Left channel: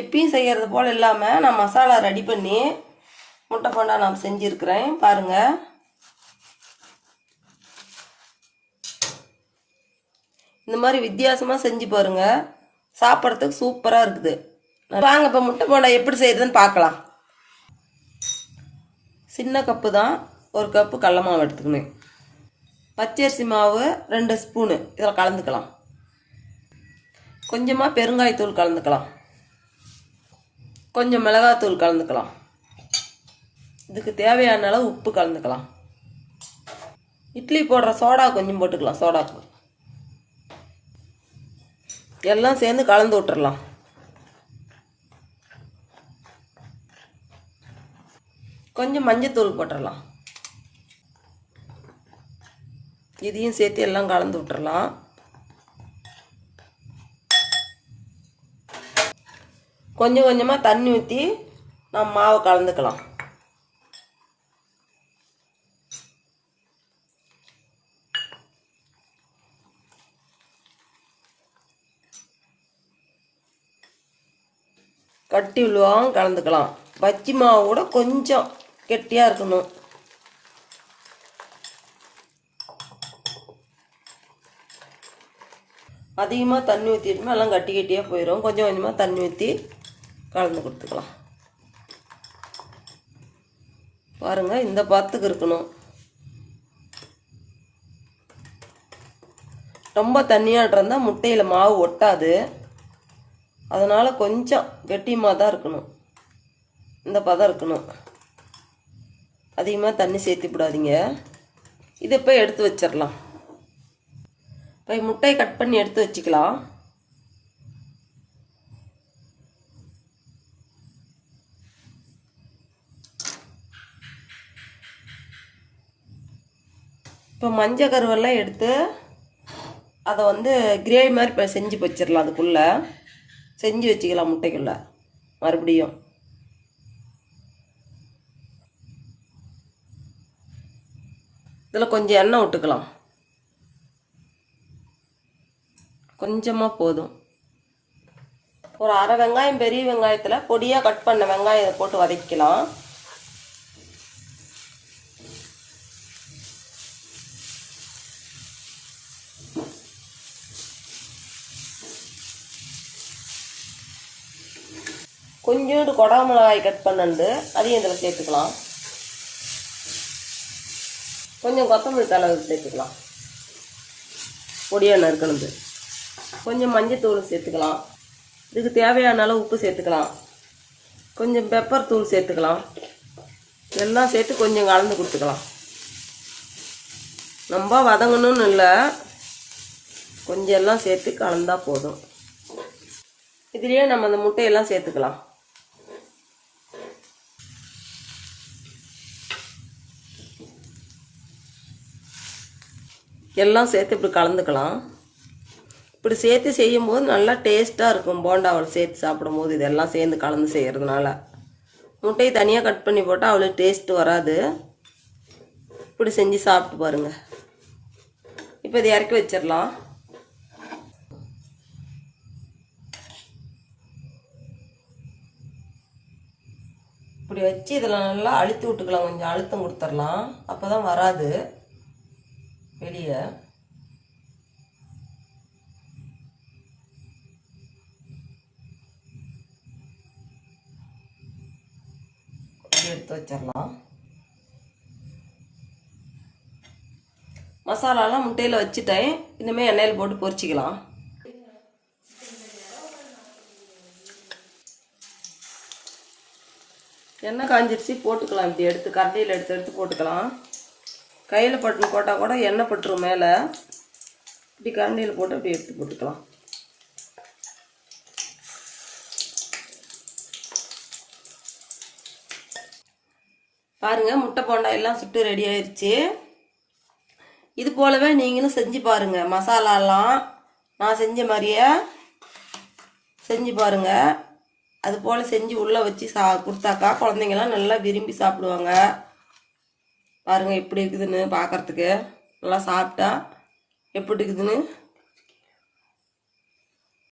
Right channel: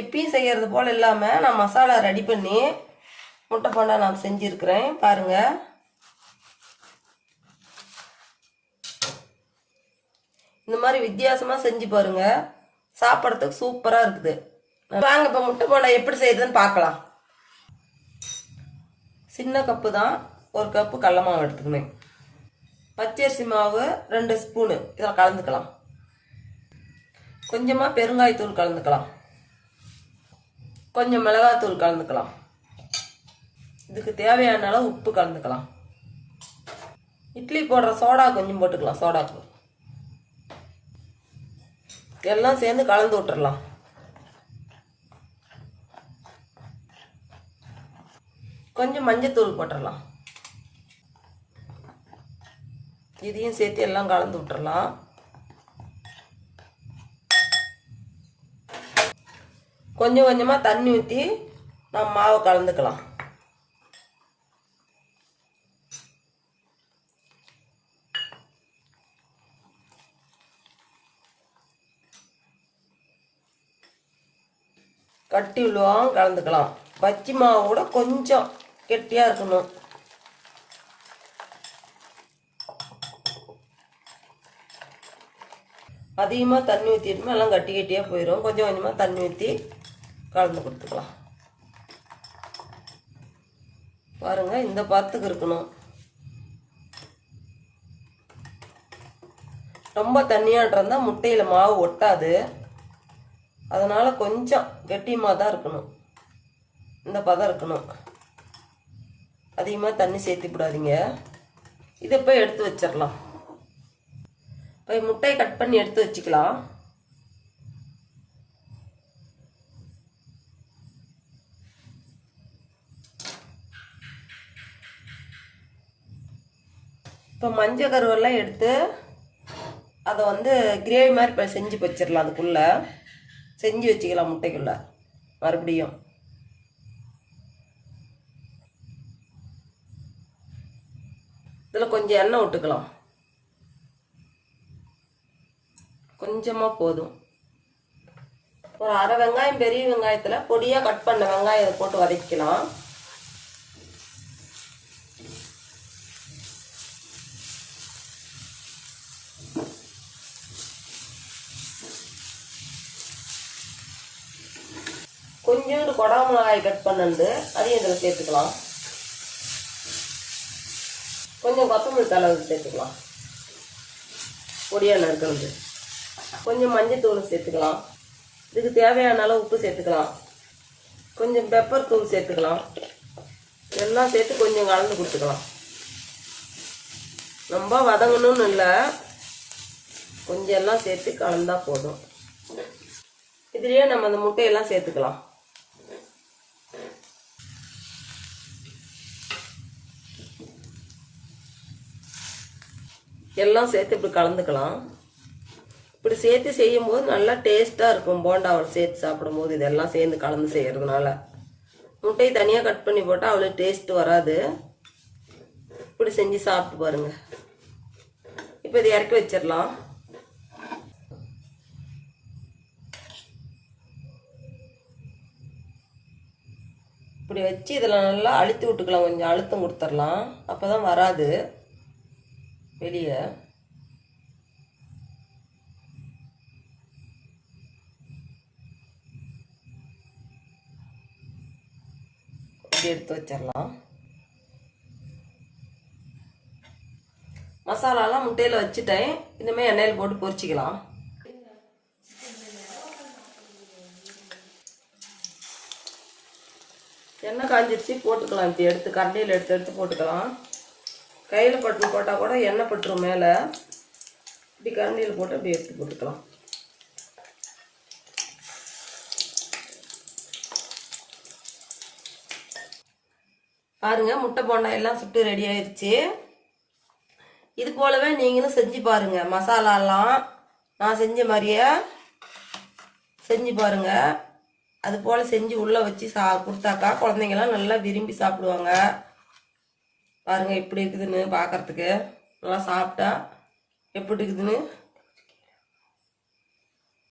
எப்பயும் செய்கிறது போல் இல்லாமல் நான் மசாலா ரெடி பண்ணி முட்டை போண்டா நான் செஞ்சுருக்கிறேன் பாருங்கள். இந்த மாதிரி வித்தியாசமாக செஞ்சு பாருங்கள், சாப்பிட்றதுக்கு சூப்பராக இருக்குது. வாங்க இப்போ முட்டை போண்டா எப்படி செய்யறதுன்னு பார்க்கலாம். சின்ன கப்பு தான், 1 கப்பு கடல மாவு எடுத்துக்கணும். பச்சரிசி மாவு 2 ஸ்பூனு இதில் கலந்துக்கலாம். கொஞ்சமாக பெருங்காயத்தூள் கலந்துக்கலாம். கொஞ்சம் மிளகாத்தூள் கலந்துக்கலாம். இதுக்கு தேவையான அளவு உப்பு கலந்துக்கலாம். இட்லி போடுற சோடா கொஞ்சம் போட்டுக்கலாம். சோடாத்தூள் எல்லாம் சேர்ந்து கலந்து விட்டுறலாம். கொஞ்சம் மஞ்சத்தூள் போட்டுடலாம். இதையும் சேர்த்து எல்லாம் கலந்து விட்டுறலாம். கொஞ்சம் கொஞ்சமாக தண்ணி ஊற்றி நம்ம மாவை கலந்துக்கலாம். கட்டி விழுவாங்க கலந்துக்கலாம். பஜ்ஜி மாவு கூட கொஞ்சம் கெட்டியாக இருக்கணும். அதிகமாக தண்ணி ஊற்றிட்டுமே எல்லாம் கட்டி கட்டியாக போயிடும். கொஞ்சம் கொஞ்சமாக தண்ணி ஊற்றி கலந்து கொடுத்துக்கலாம். பாருங்கள், இந்த பத்துக்கு இருக்கணும். ரொம்ப தண்ணியாக இருந்தால் முட்டையில் மாவு ஒட்டாது. அதனால் கொஞ்சம் கெட்டியமாக தான் இருக்கணும். இந்த பதம் இருக்கணும். அதிகமாக தண்ணி சேர்த்து விடாதீங்க. இதை போய் எடுத்து வச்சிடலாம். இப்போ முட்டையை கட் பண்ணி எடுத்து வச்சுக்கலாம். இப்போ மஞ்சள் கருவெல்லாம் எடுத்து அதை கிரேவி மாதிரி இப்போ செஞ்சு வச்சிடலாம். அதுக்குள்ளே செஞ்சு வச்சுக்கலாம். முட்டைக்குள்ளே மறுபடியும் இதில் கொஞ்சம் எண்ணெய் விட்டுக்கலாம். கொஞ்சமாக போதும். ஒரு அரை வெங்காயம், பெரிய வெங்காயத்தில் பொடியாக கட் பண்ண வெங்காயத்தை போட்டு வதக்கலாம். கொஞ்சோண்டு கொடா மிளகாய் கட் பண்ணது அதையும் இதில் சேர்த்துக்கலாம். கொஞ்சம் கொத்தமல்லி தழை சேர்த்துக்கலாம். பொடியாக நறுக்கிறது. கொஞ்சம் மஞ்சத்தூள் சேர்த்துக்கலாம். இதுக்கு தேவையான அளவு உப்பு சேர்த்துக்கலாம். கொஞ்சம் பெப்பர் தூள் சேர்த்துக்கலாம். எல்லாம் சேர்த்து கொஞ்சம் கலந்து கொடுத்துக்கலாம். ரொம்ப வதங்கணும்னு இல்லை, கொஞ்சம் எல்லாம் சேர்த்து கலந்தா போதும். இதுலேயே நம்ம அந்த முட்டையெல்லாம் சேர்த்துக்கலாம். எல்லாம் சேர்த்து இப்படி கலந்துக்கலாம். இப்படி சேர்த்து செய்யும்போது நல்லா டேஸ்ட்டாக இருக்கும். போண்டாவை சேர்த்து சாப்பிடும்போது இதெல்லாம் சேர்ந்து கலந்து செய்கிறதுனால முட்டையை தனியாக கட் பண்ணி போட்டால் அவ்வளோ டேஸ்ட்டு வராது. இப்படி செஞ்சு சாப்பிட்டு பாருங்கள். இப்போ இதை இறக்கி வச்சிடலாம். இப்படி வச்சு இதில் நல்லா அழுத்தி விட்டுக்கலாம். கொஞ்சம் அழுத்தம் கொடுத்துடலாம். அப்போ தான் வராது வெளியே. எடுத்து வச்சிடலாம். மசாலாலாம் முட்டையில் வச்சுட்டேன். இனிமேல் எண்ணெயில் போட்டு பொரிச்சிக்கலாம். எண்ணெய் காஞ்சிருச்சு, போட்டுக்கலாம். இப்படி எடுத்து கரண்டியில் எடுத்து போட்டுக்கலாம். கையில் பட்டு போட்டால் கூட எண்ணெய் பட்டுரும் மேலே. இப்படி கரண்டியில் போட்டு அப்படி எடுத்து போட்டுக்கலாம். பாருங்கள், முட்டை போண்டா எல்லாம் சுட்டு ரெடி ஆயிடுச்சு. இது போலவே நீங்களும் செஞ்சு பாருங்கள். மசாலாலாம் நான் செஞ்ச மாதிரியே செஞ்சு பாருங்கள். அது போல் செஞ்சு உள்ளே வச்சு கொடுத்தாக்கா குழந்தைங்களாம் நல்லா விரும்பி சாப்பிடுவாங்க. பாருங்கள் எப்படி இருக்குதுன்னு பார்க்குறதுக்கு. நல்லா சாப்பிட்டா எப்படி இருக்குதுன்னு